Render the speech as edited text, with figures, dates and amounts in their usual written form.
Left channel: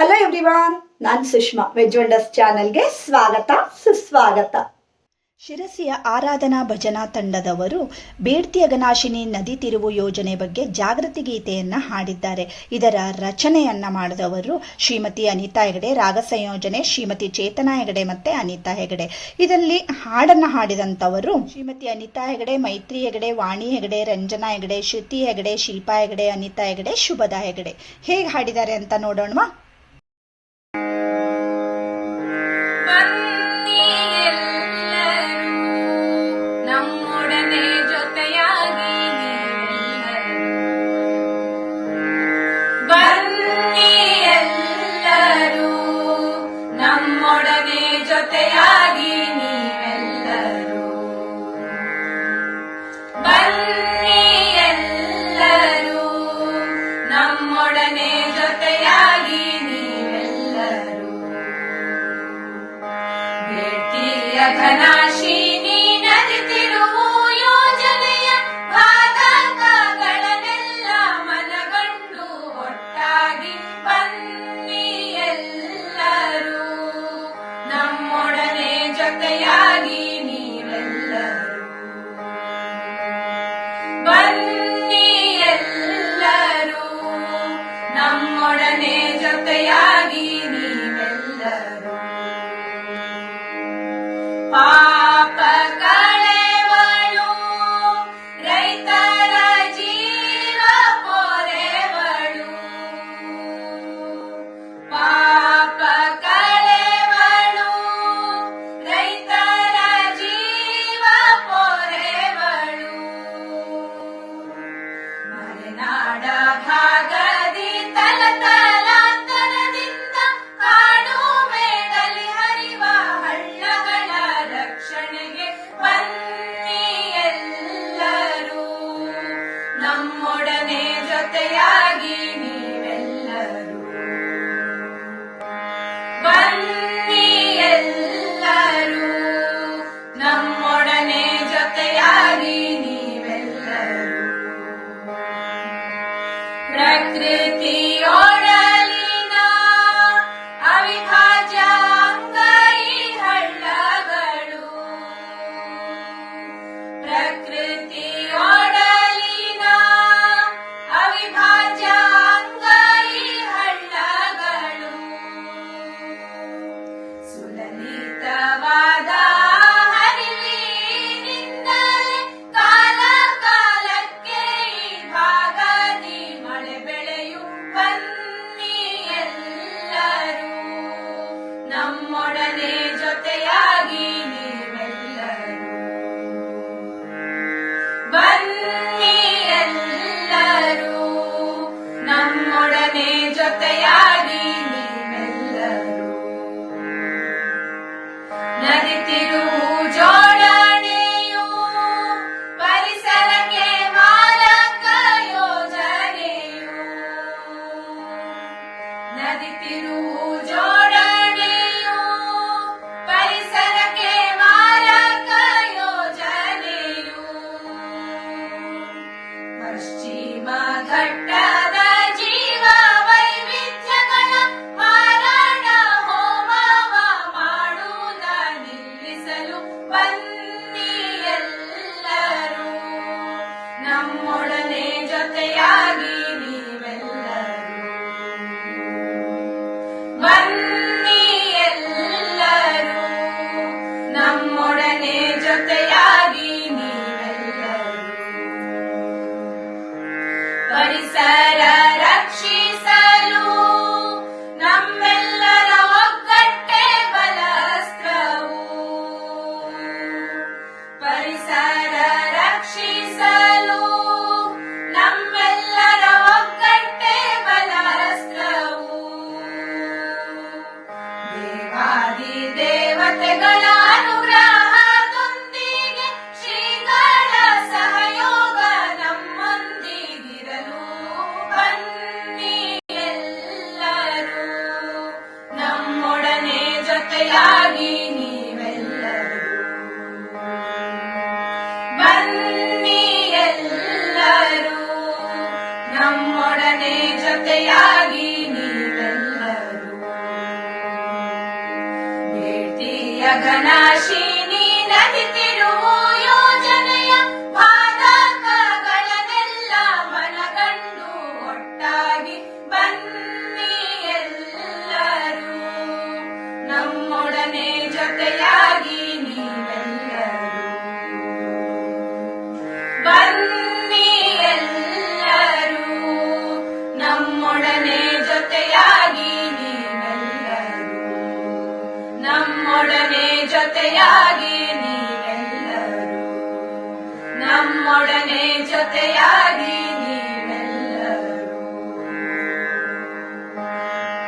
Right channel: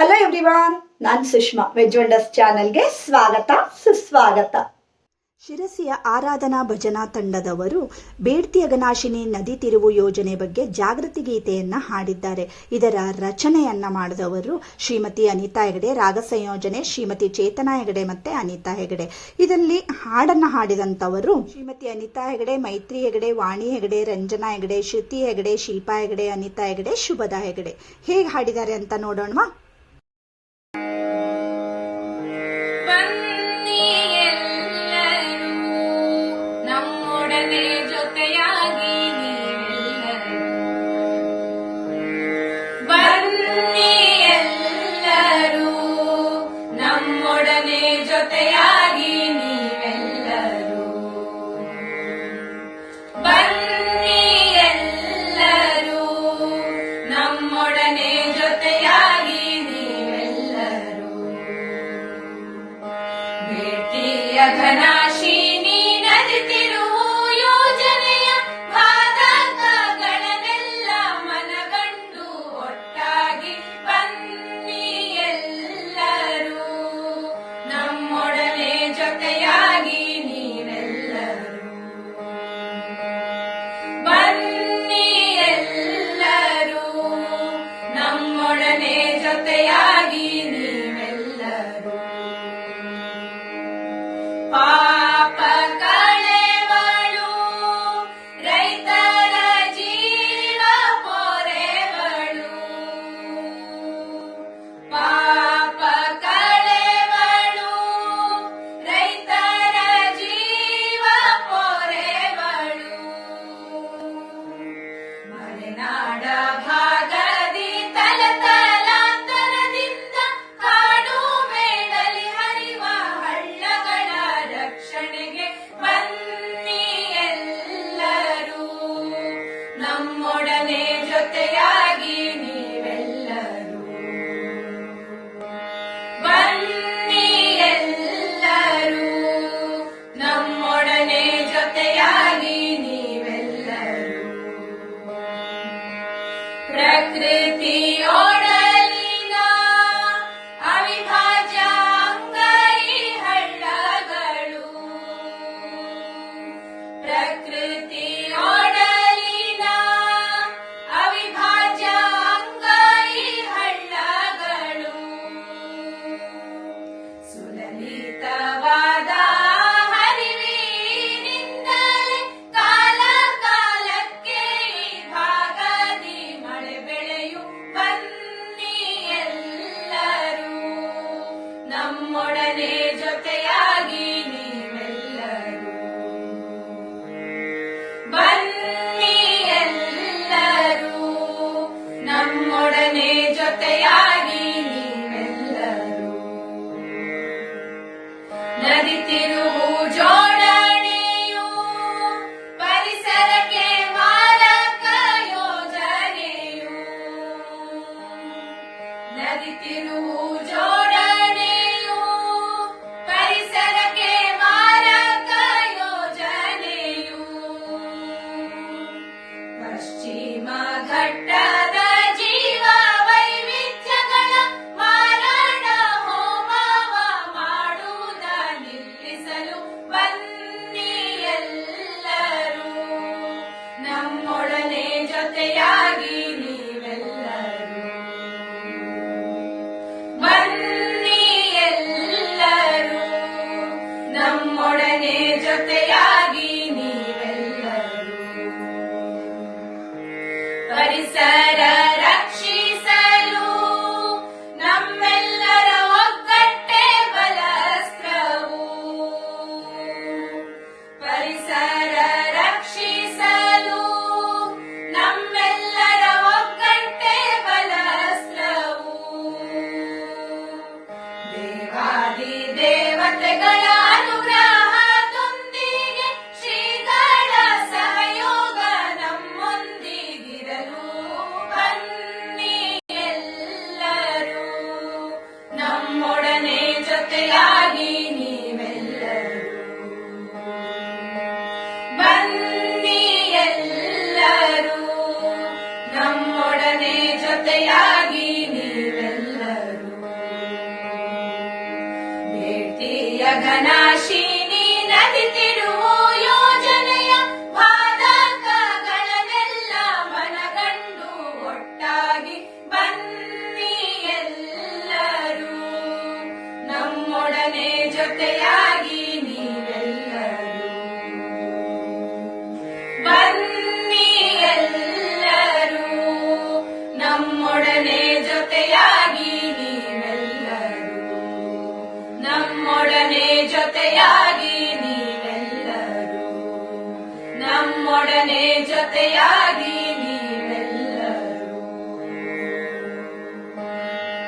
Hello everyone, ನಾನು Sushma. Veg wonders ಚಾನೆಲ್ಗೆ ಸ್ವಾಗತ ಸುಸ್ವಾಗತ. ಶಿರಸಿಯ ಆರಾಧನಾ ಭಜನಾ ತಂಡದವರು ಬೇಡ್ತಿ ಅಘನಾಶಿನಿ ನದಿ ತಿರುವು ಯೋಜನೆ ಬಗ್ಗೆ ಜಾಗೃತಿ ಗೀತೆಯನ್ನ ಹಾಡಿದ್ದಾರೆ. ಇದರ ರಚನೆಯನ್ನ ಮಾಡಿದವರು ಶ್ರೀಮತಿ ಅನಿತಾ ಹೆಗಡೆ, ರಾಗ ಸಂಯೋಜನೆ ಶ್ರೀಮತಿ ಚೇತನಾ ಹೆಗಡೆ ಮತ್ತೆ ಅನಿತಾ ಹೆಗಡೆ. ಇದರಲ್ಲಿ ಹಾಡನ್ನ ಹಾಡಿದಂಥವರು ಶ್ರೀಮತಿ ಅನಿತಾ ಹೆಗಡೆ, ಮೈತ್ರಿ ಹೆಗಡೆ, ವಾಣಿ ಹೆಗಡೆ, ರಂಜನಾ ಹೆಗಡೆ, ಶ್ರುತಿ ಹೆಗಡೆ, ಶಿಲ್ಪಾ ಹೆಗಡೆ, ಅನಿತಾ ಹೆಗಡೆ, ಶುಭದಾ ಹೆಗಡೆ. ಹೇಗೆ ಹಾಡಿದ್ದಾರೆ ಅಂತ ನೋಡೋಣವಾ? ಜೊತೆಯಾಗಿ ನೀವೆಲ್ಲರೂ ಬನ್ನಿ, ಎಲ್ಲರೂ ನಮ್ಮೊಡನೆ ಜೊತೆಯಾಗಿ ನೀವೆಲ್ಲರೂ. ಬೇಡ್ತಿ ಅಘನಾಶಿನಿ ನದಿ ತಿರುವು ಯೋಜನೆಯ ಬಾಧಕಗಳನ್ನೆಲ್ಲ ಮನಗಂಡು ಒಟ್ಟಾಗಿ ಬನ್ನಿ, ಎಲ್ಲರೂ ನಮ್ಮೊಡನೆ ಜೊತೆಯಾಗಿ ನೀವೆಲ್ಲರೂ. ಬನ್ನಿ, ಎಲ್ಲರೂ ನಮ್ಮೊಡನೆ ಜೊತೆಯಾಗಿ ನೀವೆಲ್ಲರೂ. ಪಾಪ ಕಳೆವಳು ರೈತರ ಜೀವ ಪೊರೆವಳು, ಪಾಪ ಕಳೆವಳು ರೈತರ ಜೀವ ಪೊರೆವಳು. ಮಲೆನಾಡ ಭಾಗದಿ ತಲತಲಾಂತರದಿಂದ ಕಾಡು ಮೇಡಲಿ ಹರಿವ ಹಳ್ಳಗಳ ರಕ್ಷಣೆಗೆ ಬನ್ನಿ, ಎಲ್ಲರೂ ನಮ್ಮೊಡನೆ ಜೊತೆಯಾಗಿ ನೀವೆಲ್ಲರೂ. ಬನ್ನಿ, ಎಲ್ಲರೂ ನಮ್ಮೊಡನೆ ಜೊತೆಯಾಗಿ ನೀವೆಲ್ಲರೂ. ಪ್ರಕೃತಿಯೊಡಲಿನ ಅವಿಭಾಜ್ಯ ಅಂಗೈ ಹಳ್ಳಗಳು, ಪ್ರಕೃತಿಯೊಡಲಿನ ಅವಿಭಾಜ್ಯ ಅಂಗೈ ಹಳ್ಳಗಳು. ಸುಲಲಿತವಾದ ಹರಿವಿನಿಂದಲೇ ಕಾಲ ಕಾಲಕ್ಕೆ ಈ ಭಾಗದಿ ಮಳೆ ಬೆಳೆಯು. ಬನ್ನಿ, ಎಲ್ಲರೂ ನಮ್ಮೊಡನೆ ಜೊತೆಯಾಗಿ ನೀವೆಲ್ಲರೂ. ಬನ್ನಿ, ಎಲ್ಲರೂ ನಮ್ಮೊಡನೆ ಜೊತೆಯಾಗಿ ನೀವೆಲ್ಲರೂ. ನದಿ ತಿರುವು ಜೋಡಣೆಯು ಪರಿಸರಕ್ಕೆ ಮಾರಕ ಯೋಜನೆಯು, ನದಿ ತಿರುವು ಜೋಡಣೆಯು ಪರಿಸರಕ್ಕೆ ಮಾರಕ ಯೋಜನೆಯು. ಪಶ್ಚಿಮ ಘಟ್ಟದ ಜೀವ ವೈವಿಧ್ಯಗಳ ಮಾರಣ ಹೋಮವ ಮಾಡುವುದ ನಿಲ್ಲಿಸಲು ಬನ್ನಿ, ಎಲ್ಲರೂ ನಮ್ಮೊಡನೆ ಜೊತೆಯಾಗಿ ನೀವೆಲ್ಲರೂ. ಬನ್ನಿ, ಎಲ್ಲರೂ ನಮ್ಮೊಡನೆ ಜೊತೆಯಾಗಿ ನೀವೆಲ್ಲರೂ. ಪರಿಸರ ರಕ್ಷಿಸಲು ನಮ್ಮೆಲ್ಲರ ಒಗ್ಗಟ್ಟೆ ಬಲಾಸ್ತ್ರವು, ಪರಿಸರ ರಕ್ಷಿಸಲು ನಮ್ಮೆಲ್ಲರ ಒಗ್ಗಟ್ಟೆ ಬಲಾಸ್ತ್ರವು. ದೇವಾದಿ ದೇವತೆಗಳ ಅನುಗ್ರಹದೊಂದಿಗೆ ಶ್ರೀಗಳ ಸಹಯೋಗ ನಮ್ಮೊಂದಿಗಿರಲು. ಬನ್ನಿ, ಎಲ್ಲರೂ ನಮ್ಮೊಡನೆ ಜೊತೆಯಾಗಿ ನೀವೆಲ್ಲರೂ. ಬನ್ನಿ, ಎಲ್ಲರೂ ನಮ್ಮೊಡನೆ ಜೊತೆಯಾಗಿ ನೀವೆಲ್ಲರೂ. ಬೇಡ್ತಿಯಗನಾಶಿನಿ ನದಿ ತಿರುವು ಯೋಜನೆಯ ಬಾಧಕಗಳನ್ನೆಲ್ಲ ಮನಗಂಡು ಒಟ್ಟಾಗಿ ಬನ್ನಿ ಎಲ್ಲರೂ, ನಮ್ಮೊಡನೆ ಜೊತೆಯಾಗಿ ನೀವೆಲ್ಲರೂ ಬನ್ನಿ ಎಲ್ಲರೂ, ನಮ್ಮೊಡನೆ ಜೊತೆಯಾಗಿ ನೀವೆಲ್ಲರೂ, ನಮ್ಮೊಡನೆ ಜೊತೆಯಾಗಿ ನೀವೆಲ್ಲರೂ, ನಮ್ಮೊಡನೆ ಜೊತೆಯಾಗಿ